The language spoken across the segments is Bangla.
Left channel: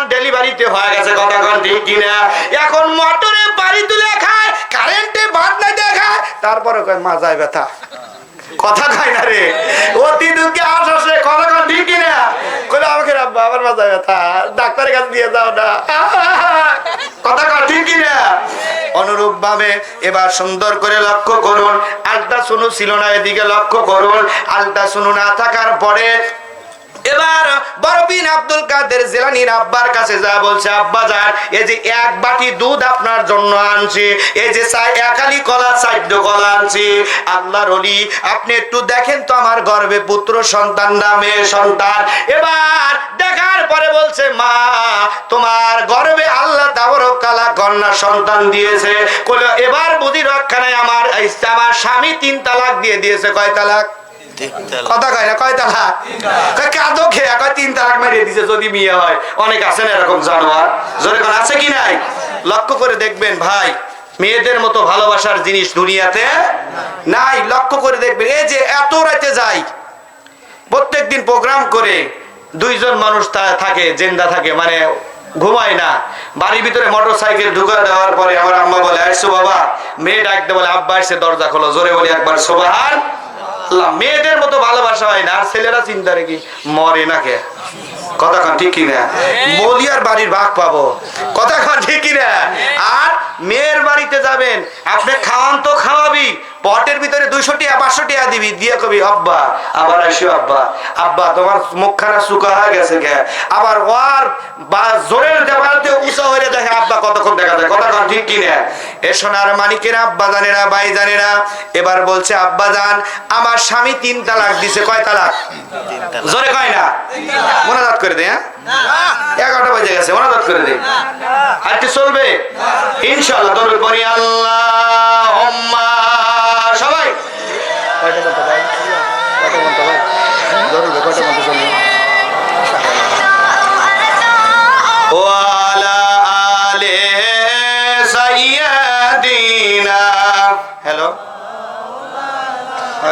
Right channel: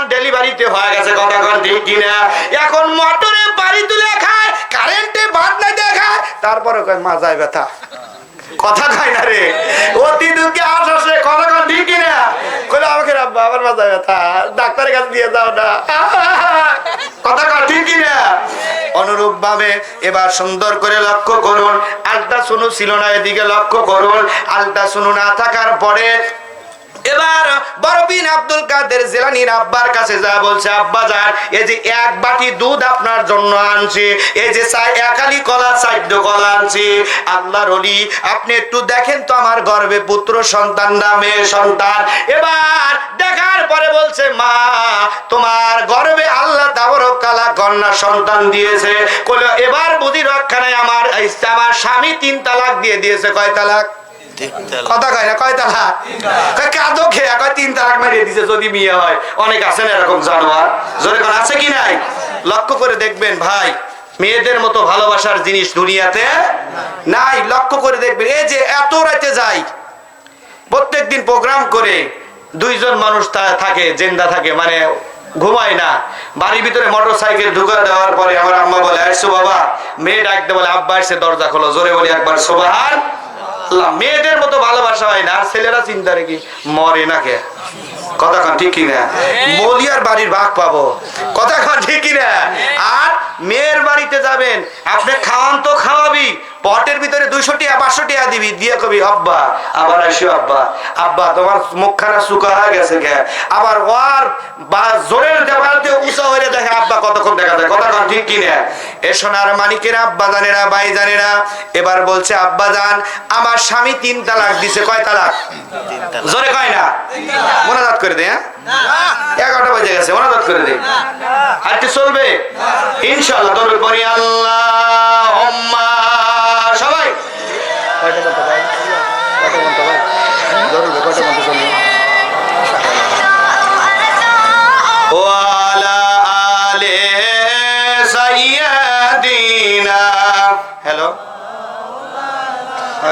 সন্তান ডেলিভারিতে হয়ে গেছে, কথা কন ঠিক কিনা? এখন মোটরে বাড়ি তুলে খায়, কারেন্টে ভাত নাই দেখায়, তারপরে কয় মাজায় ব্যথা। কথা কয় না রে, অতি দুঃখে আসে, কথা কন ঠিক কিনা? কইলে আমাকে আব্বা আবার মাজায় ব্যথা, ডাক্তারের কাছে দিয়ে যাও না, কথা কন ঠিক কিনা? অনুরূপ ভাবে এবার সুন্দর করে লক্ষ্য করুন, আলট্রাসোনো ছিল না, এদিকে লক্ষ্য করুন। আলট্রাসোনো না থাকার পরে এবার বড় বিন আব্দুল কাদের জিলানীর আব্বার কাছে যা বলছে, আব্বা যান, এই যে এক বাটি দুধ আপনার জন্য আনছি, এই যে একালি কলা, চারটে কলা আনছি, আল্লাহর ওলি আপনি একটু দেখেন তো আমার গর্ভে পুত্র সন্তান না মেয়ে সন্তান। এবার দেখার পরে বলছে, মা তোমার গর্ভে আল্লাহ তাবারক তাআলা কন্যা সন্তান দিয়েছে। কইলো এবার বুদ্ধি রক্ষা নাই, আমার স্বামী 3 তালাক দিয়ে দিয়েছে। কয় তালাক? কথা কয় না, কয় তালাক? কাঁদো খেয়া কয় 3 তালাক মারিয়ে দিছে যদি বিয়ে হয়। অনেক আছেন এরকম জানোয়ার, জোরে কোন আছে কি নাই? লক্ষ্য করে দেখবেন ভাই, মেয়েদের মতো ভালোবাসার জিনিস দুনিয়াতে নাই। লক্ষ্য করে দেখবেন, এই যে এত রাতে যাই, প্রত্যেকদিন প্রোগ্রাম করে 2 জন মানুষ থাকে, জিন্দা থাকে, মানে ঘুমায় না। বাড়ির ভিতরে মোটরসাইকেল ঢুকা দেওয়ার পরে আমার আম্মা বলে, আসছো বাবা, মেয়ে ডাকতে বলে, আব্বা এসে দরজা খোলো, জোরে বলি একবার সুবহানাল্লাহ। মেয়েদের মতো ভালোবাসা হয় না। আর ছেলেরা চিন্তা রেখে মরে না কে? কথা কন ঠিক কিনা? বলি আর বাড়ির ভাগ পাবো, কথা কন ঠিক কিনা? আর মেয়ের বাড়িতে যাবেন, আপনি খাওয়ান তো খাওয়াবি, পটের ভিতরে 200 টাকা 500 টাকা দিবি, দিয়ে কবি আব্বা আবার আসো, আব্বা আব্বা তোমার মুখখানা শুকা হয়ে গেছে কে? আবার ওয়ার বা জোরের দেওয়ালতে উঁচা হয়ে দেখে আব্বা কতক্ষণ দেখা যায়, কথা কন ঠিক কিনা? এ সোনার মানিকেরা, আব্বা জানেরা, ভাই জানেরা, এবার বলছে, আব্বা জান আমার স্বামী 3 তালাক দিছে। কয় তালাক? জোরে কয় না, মোনাজাত করে দে। হ্যাঁ 11টা বাজে গেছে, মোনাজাত করে দে। আর কি চলবে ইনশাআল্লাহ? দরুদ পড়ি আল্লাহুম্মা। সবাই কয়টা বলতে ভাই, কয়টা বলতে ভাই, জরুরি কয়টা বলতে চলবে? ওয়ালা আলে সাইয়্যিদিনা। হ্যালো,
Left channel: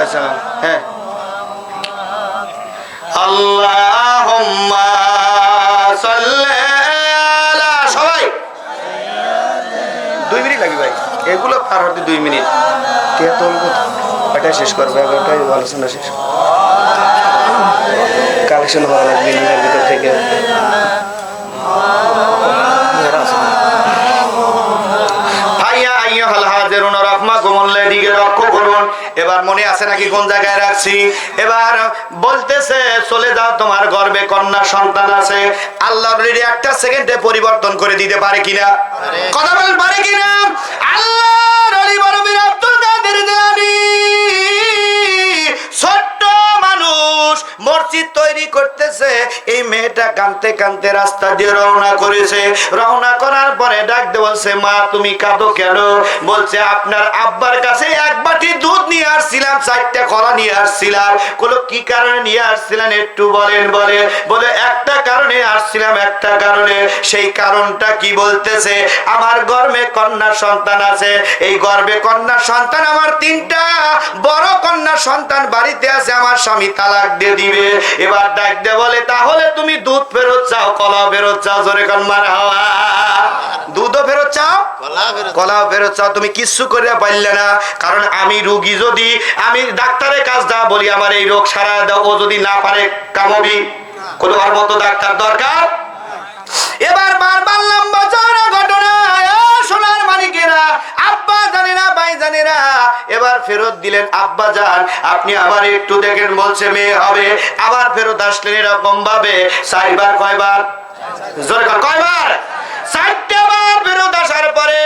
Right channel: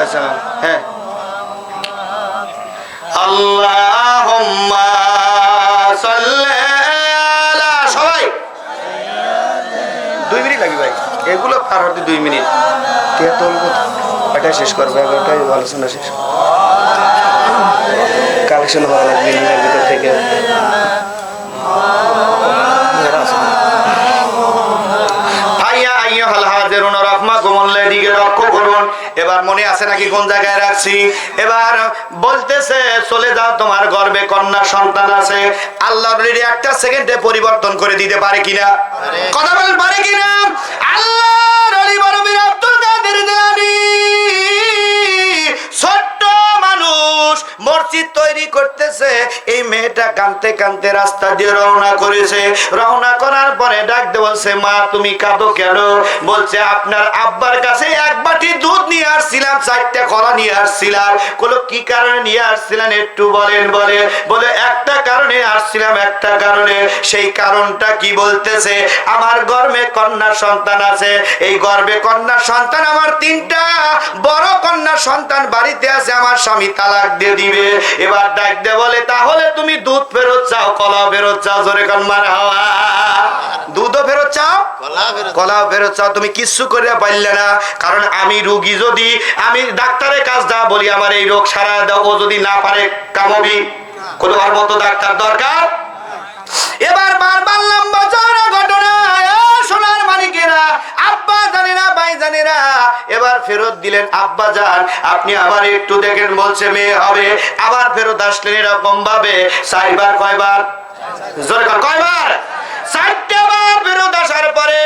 আচ্ছা, হ্যাঁ, আল্লাহুম্মা সাল্লি আলা। সবাই 2 মিনিট লাগবে ভাই, এগুলো পার হতে 2 মিনিট। কে তুলবো? এটা শেষ করবে, এটাই আলোচনা শেষ, কালেকশন ভালো লাগবে নিজের ভিতর থেকে। এবার মনে আছে নাকি কোন জায়গায় রাখছি? এবার বলতেছে, চলে যাও, তোমার গর্ভে কন্যা সন্তান আছে। আল্লাহর একটা সেকেন্ডে পরিবর্তন করে দিতে পারে কিনা? কথা বলেন, পারে কিনা? আল্লাহর ওলি বড় বীর আব্দুল কাদের জিলানী ছোট্ট মানুষ মসজিদ তৈরি করতেছে। এই মেয়েটা কাঁদতে কাঁদতে রাস্তা দিয়ে রওনা করেছে। রওনা করার পরে ডাকতে বলছে, মা তুমি কাঁদো কেন? বলছে, আপনার আব্বার কাছে 1 বাটি দুধ নিয়ে আসছিলাম, 4টা কলা নিয়ে আসছিলাম। বলো কি কারণে নিয়ে আসছিলেন একটু বলেন? বলে একটা কারণে আসছিলাম, একটা কারণে। সেই কারণটা কি? বলতেছে, আমার গর্ভে কন্যা সন্তান আছে, এই গর্ভে কন্যা সন্তান আমার 3টা বড় কন্যা সন্তান বাড়িতে আছে, আমার স্বামী তালাক দিয়ে দিবে। এবার ডাকতে বলে, তাহলে তুমি দুধ ফেরত চাও, কলাও ফেরত চাও, জোরে কান মারহাবা। দুধও ফেরত চাও, কলাও ফেরত চাও, তুমি কিচ্ছু করে পারলে না। কারণ আমি রোগী, যদি আমি ডাক্তারের কাজ দা বলি আমার এই রোগ সারা দাও, ও যদি না পারে কামবি, কোন আর মতো ডাক্তার দরকার। এবার বারবার লম্বা চওড়া ঘটনা, সোনার মানিকেরা, আব্বা জানেরা, ভাই জানেরা, এবার ফেরত দিলেন। আব্বা জান আপনি আবার একটু দেখেন, বলছে মেয়ে হবে। আবার ফেরত আসলেন এরকম ভাবে 4 বার। কয়বার? জোরে কয়বার? 4টা বার ফেরত আসার পরে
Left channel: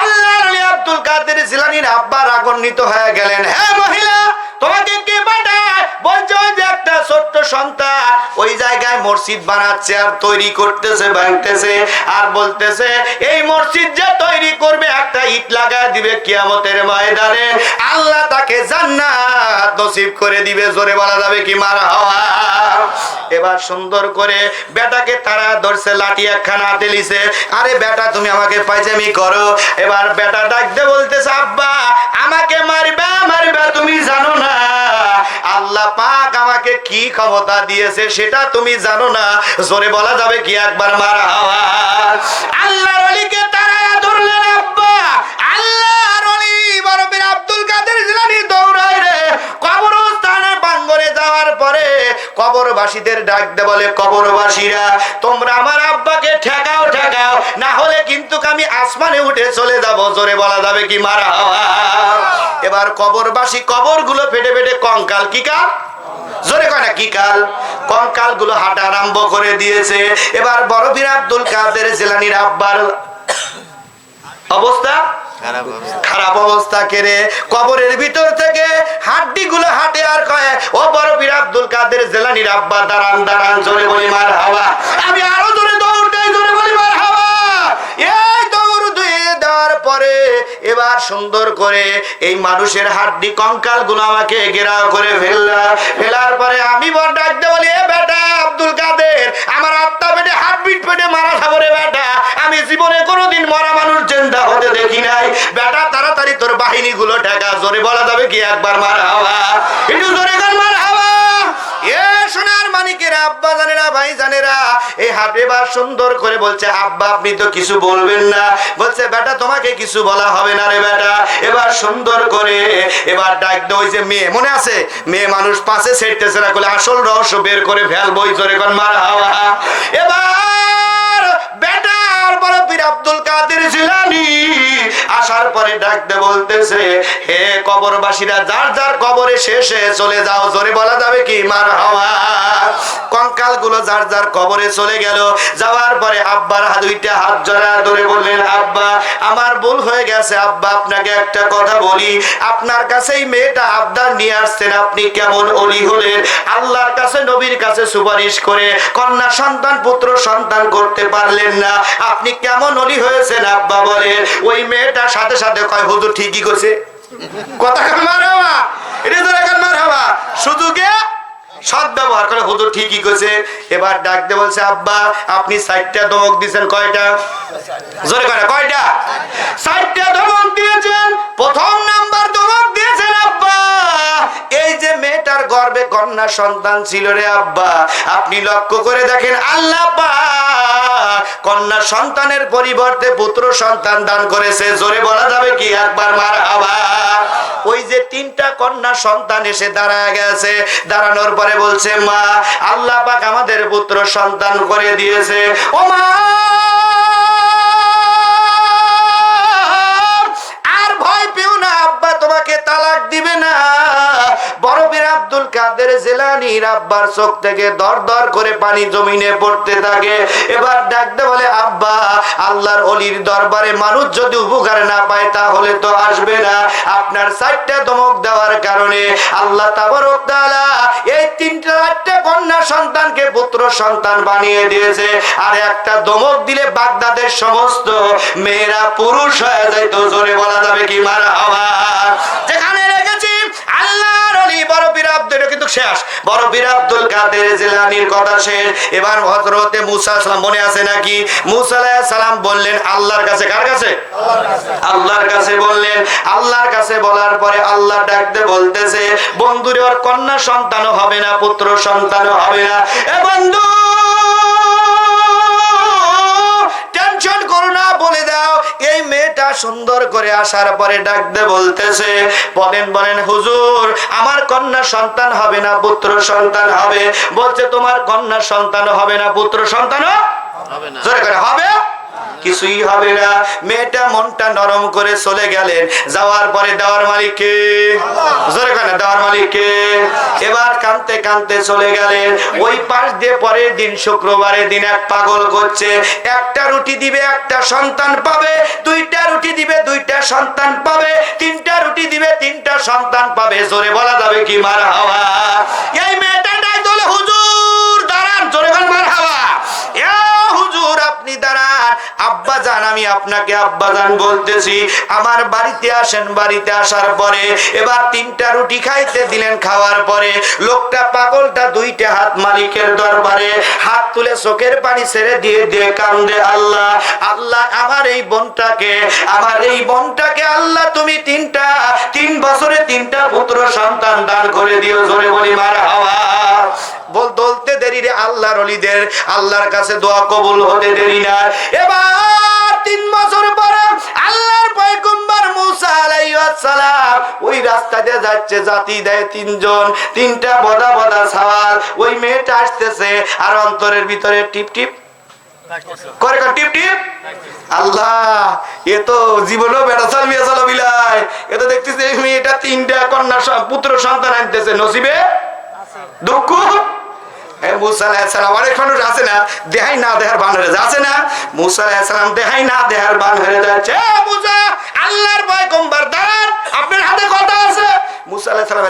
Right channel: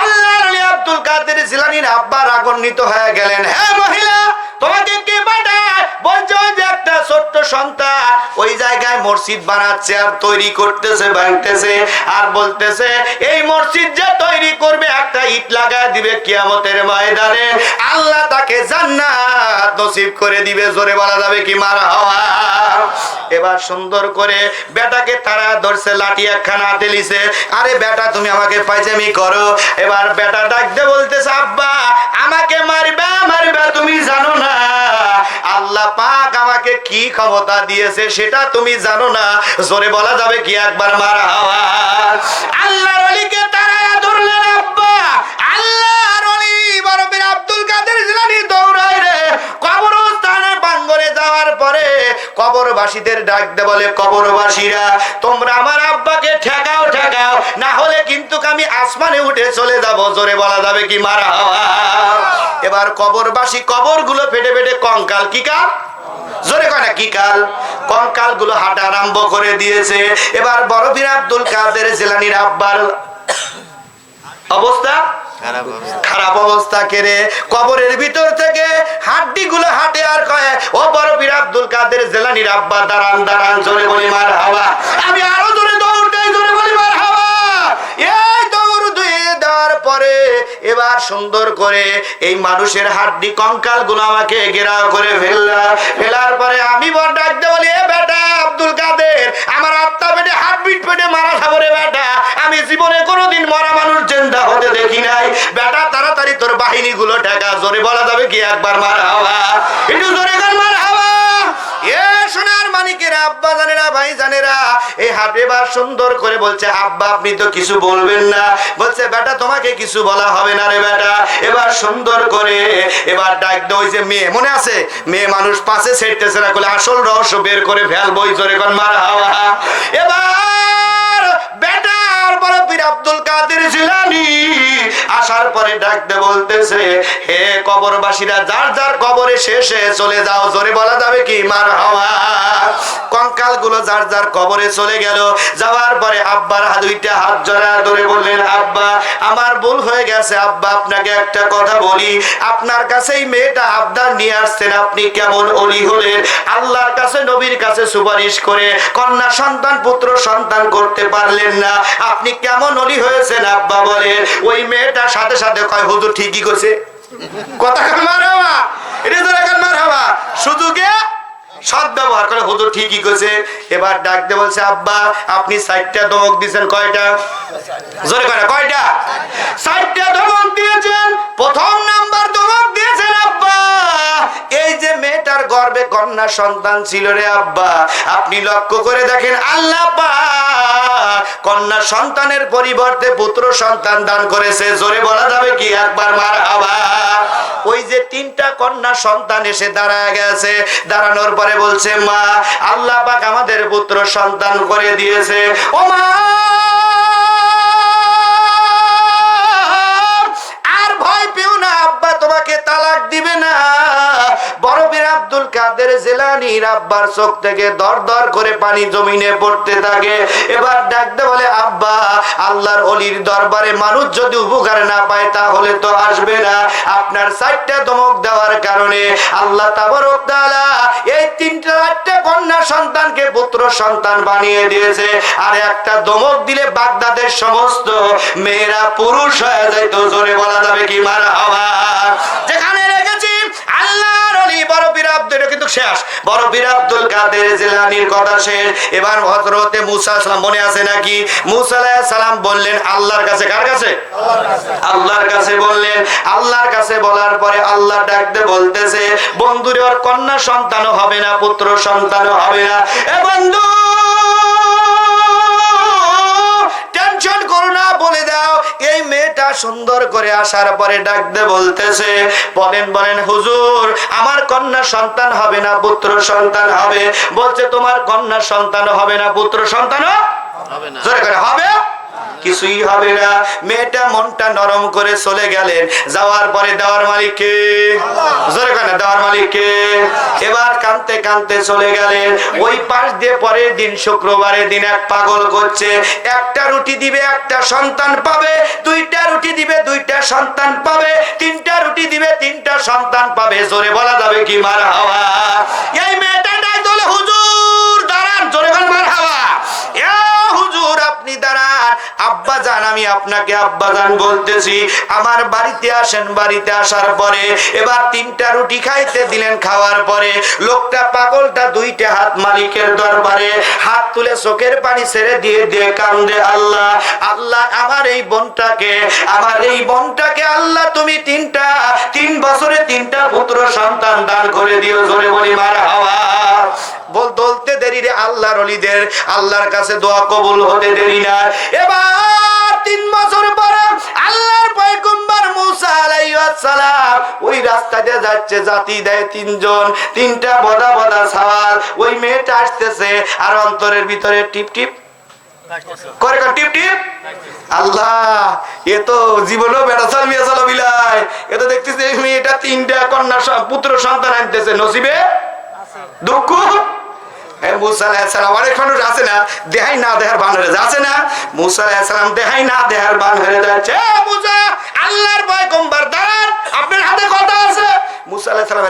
আল্লাহর ওলি আব্দুল কাদের জিলানীর আব্বা রাগান্বিত হয়ে গেলেন। হ্যাঁ মহিলা, তোমাকে কে পাঠায়? বলছে, ওই যে একটা ছোট্ট সন্তান ওই জায়গায় মসজিদ বানাচ্ছে আর তৈরি করতেছে, ভাঙতেছে, আর বলতেছে এই মসজিদ যে তৈরি করবে, একটা ইট লাগায় দিবে কিয়ামতের ময়দানে, আল্লাহ তাকে জান্নাত নসিব করে দিবে। জোরে বলা যাবে কি মারহাবা? এবার সুন্দর করে বেটাকে তারা ধরছে, লাঠি একখানা হাতে লিছে। আরে বেটা তুমি আমাকে পাইজামি করো। এবার বেটা ডাকতে বলতেছে, আব্বা আমাকে মারবা, তুমি জানো না আল্লাহ পাক আমাকে কি ক্ষমতা দিয়েছে সেটা তুমি জানো না। জোরে বলা যাবে কি একবার মারহাবা। আল্লাহর ওলিকে তারায়া ধরলেন আব্বা। আল্লাহর ওলি বড় পীর আব্দুল কাদের জিলানী দৌড়ায় রে কবরস্থানে বাঙ্গরে যাওয়ার পরে কবরবাসীদের ডাক দে, বলে কবরবাসীরা তোমরা আমার আব্বাকে ঠেকাও ঠেকাও, না হলে কিন্তু আমি আসমানে উঠে চলে যাব। জোরে বলা যাবে কি মারহাবা। এবার কবরবাসী কবরগুলো ফেটে ফেটে কঙ্কাল, কি কাল জোরে কয় না কি কাল, কঙ্কাল গুলো হাঁটা আরম্ভ করে দিয়েছে। এবার বড় পীর আব্দুল কাদের জিলানীর আব্বার অবস্থা খারাপ অবস্থা কেড়ে কবরের ভিতর থেকে হাড্ডি গুলো হাঁটে আর কয়, ও বড় পীর আব্দুল কাদের জিলানীর আব্বা দাঁড়ান দাঁড়ান, জোরে বলি মারহাবা। আমি আরো জোরে দৌড় দেই, জোরে বলি মারহাবা। এই দৌড় দিয়ে দেওয়ার পরে এবার সুন্দর করে এই মানুষের হাড্ডি কঙ্কাল গুলো আমাকে ঘেরাও করে ফেলার পরে আমি বড় ডাকতে বলি, এ বেটা আব্দুল কাদের, আমার আত্মা পেটে হার্টবিট পেটে মারা খাবো রে বেটা, আমি জীবনে কোনোদিন মরা মানুষ জিন্দা হতে দেখি নাই। বেটা তাড়াতাড়ি তোর বাহিনী গুলো ঠেকা। জোরে বলা যাবে কি একবার মারহাবা, একটু জোরে কর মারহাবা। এ সোনার মানিকেরা, আব্বা জানেরা, ভাই জানেরা, এই হাতে এবার সুন্দর করে বলছে, আব্বা আপনি তো কিছু বলবেন না। বলছে বেটা তোমাকে কিছু বলা হবে না রে বেটা। এবার সুন্দর করে এবার ডাক দে, ওই যে মেয়ে মনে আছে, মেয়ে মানুষ পাশে ছেড়তেছে না, বলে আসল রহস্য বের করে ফেলবো। জোরে কোন মারহাবা। এবার বেটা বড় পীর আব্দুল কাদের জিলানী আসার পরে ডাক দে বলতেছে, হে কবরবাসীরা যার যার কবরে শেষে চলে যাও। জোরে বলা যাবে কি মারহাবা। কঙ্কাল গুলো যার যার কবরে চলে গেল। যাওয়ার পরে আব্বার দুইটা হাত জড়া ধরে বললেন, আব্বা আমার ভুল হয়ে গেছে। আব্বা আপনাকে একটা কথা বলি, আপনার কাছে এই মেয়েটা আবদার নিয়ে আসছেন, আপনি কেমন ওলি হলেন, আল্লাহর কাছে নবীর কাছে সুপারিশ করে কন্যা সন্তান পুত্র সন্তান করতে পারলেন না, আপনি কেমন ওলি হয়েছেন? আব্বা বলেন, ওই মেয়েটার সাথে সাথে কয়, হুজুর ঠিকই কইছে। কথা মারহাবা, এটা তো এখন মারহাবা, সুযোগে সৎ ব্যবহার করে, হুজুর ঠিকই কইছে। এবার ডাক দিয়ে বলছে, আব্বা আপনি 4টা ধমক দিয়েছেন। কয়টা? জোরে কয় না, কয়টা? 4টা ধমক দিয়েছেন। প্রথম নাম্বার ধমক দিয়েছেন, আব্বা এই যে মেয়েটার গর্ভে কন্যা সন্তান ছিল রে আব্বা, আপনি লক্ষ্য করে দেখেন আল্লাহ পাক কন্যা সন্তানের পরিবর্তে পুত্র সন্তান দান করেছে। জোরে বলা যাবে কি একবার মারহাবা। ওই যে 3টা কন্যা সন্তান এসে দাঁড়ায় গেছে, দাঁড়ানোর পরে বলছে, মা আল্লাহ পাক আমাদের পুত্র সন্তান করে দিয়েছে। ও মা আর ভয় পেও না, আব্বা তোমাকে তালাক দিবে না। বড় পীর আব্দুল কাদের জিলানীর আব্বার চোখ থেকে দর দর করে পানি জমিনে পড়তে থাকে। এবার ডাকতে বলে, আব্বা আল্লাহর ওলির দরবারে মানুষ যদি উপকার না পায় তাহলে তো আসবে না। আপনার 4টা ধমক দেওয়ার কারণে আল্লাহ তাবারক তাআলা এই 3টা কন্যা সন্তানকে পুত্র সন্তান বানিয়ে দিয়েছে। আর একটা ধমক দিলে বাগদাদের সমস্ত মেয়েরা পুরুষ হয়ে যায়। তো জোরে বলা যাবে কি মারহাবা। যেখানে রেখেছি আল্লাহর ওলি বড় পীর আব্দুল, কিন্তু শেষ বড় পীর আব্দুল কাদের জিলানীর কথা শেষ। এবার হযরতে মুসা সালাম মনে আছে নাকি? মুসা আলাইহিস সালাম বললেন আল্লাহর কাছে। কার কাছে? আল্লাহর কাছে বললেন। আল্লাহর কাছে বলার পরে আল্লাহ ডাকতে বলতেছে, বন্ধুরে ওর কন্যা সন্তানও হবে না, পুত্র সন্তানও হবে না। এ বন্ধু টেনশন করো না, বলে দাও এই মেয়েটা সুন্দর করে আসার পরে ডাকতে বলতেছে, বলেন হুজুর আমার কন্যা সন্তান হবে না, পুত্র সন্তান হবে। বলছে তোমার কন্যা সন্তান হবে না, পুত্র সন্তানও হবে না। জোরে করে হবে কিছুই হবে না। মেয়েটা মনটা নরম করে চলে গেলেন। যাওয়ার পরে দেওয়ার মালিককে, জোরে করে দেওয়ার মালিককে, এবার কাঁদতে কাঁদতে চলে গেলেন। ওই পাশ দিয়ে পরের দিন শুক্রবারের দিন এক পাগল করছে, একটা রুটি দিবে একটা সন্তান পাবে, 2টা রুটি দিবে 2টা সন্তান পাবে, 3টা রুটি দিবে 3টা সন্তান পাবে। জোরে বলা যাবে কি মারহাবা। এই মেয়েটা ডাক দলে, হুজুর দাঁড়ান, জোরে বল মারহাবা। এ হুজুর আপনি দাঁড়ান, আব্বা জান আমি আপনাকে আব্বা জান বলতেছি, আমার বাড়িতে আসেন। বাড়িতে আসার পরে এবার 3টা রুটি খাইতে দিলেন। খাওয়ার পরে লোকটা পাগলটা 2টা হাত মালিকের দরবারে হাত তুলে চোখের পানি ছেড়ে দিয়ে দিয়ে কান্দে, আল্লাহ আল্লাহ আমার এই বোনটাকে আল্লাহ তুমি 3 বছরে 3টা পুত্র সন্তান দান করে দিও। জোরে বলি মারহাবা। বলতে দেরি রে আল্লাহর ওলিদের আল্লাহর কাছে দোয়া কবুল হতে দেরি না। এবার 3 বছর পরে আল্লাহর পয়গম্বর মুসা আলাইহিস সালাম ওই রাস্তা দিয়ে যাচ্ছে, জাতি দেয় 3 জন, 3টা বদা বদা সওয়াল। ওই মেয়েটা আসতেছে আর অন্তরের ভিতরে টিপ টিপ করে, টিপ টিপ। আল্লাহ এ তো জীবনও বেড়াচাল মিয়াচাল বিলায়, এ তো দেখতেছে এই মেয়েটা 3টা কন্যা পুত্র সন্তান আনতেছে, নসিবে দুঃখ। মুসা আলাইহিস সালাম অনেক মানুষ আছে না দেহাই না দেহার বান হয়ে যাচ্ছে না, মুসা আলাইহিস সালাম দেহাই না দেহার বান হয়ে যাচ্ছে। মুসা আল্লাহর পয়গম্বর দাঁড়ান, আপনার হাতে কথা আছে। মুসা আলাইহিস সালাম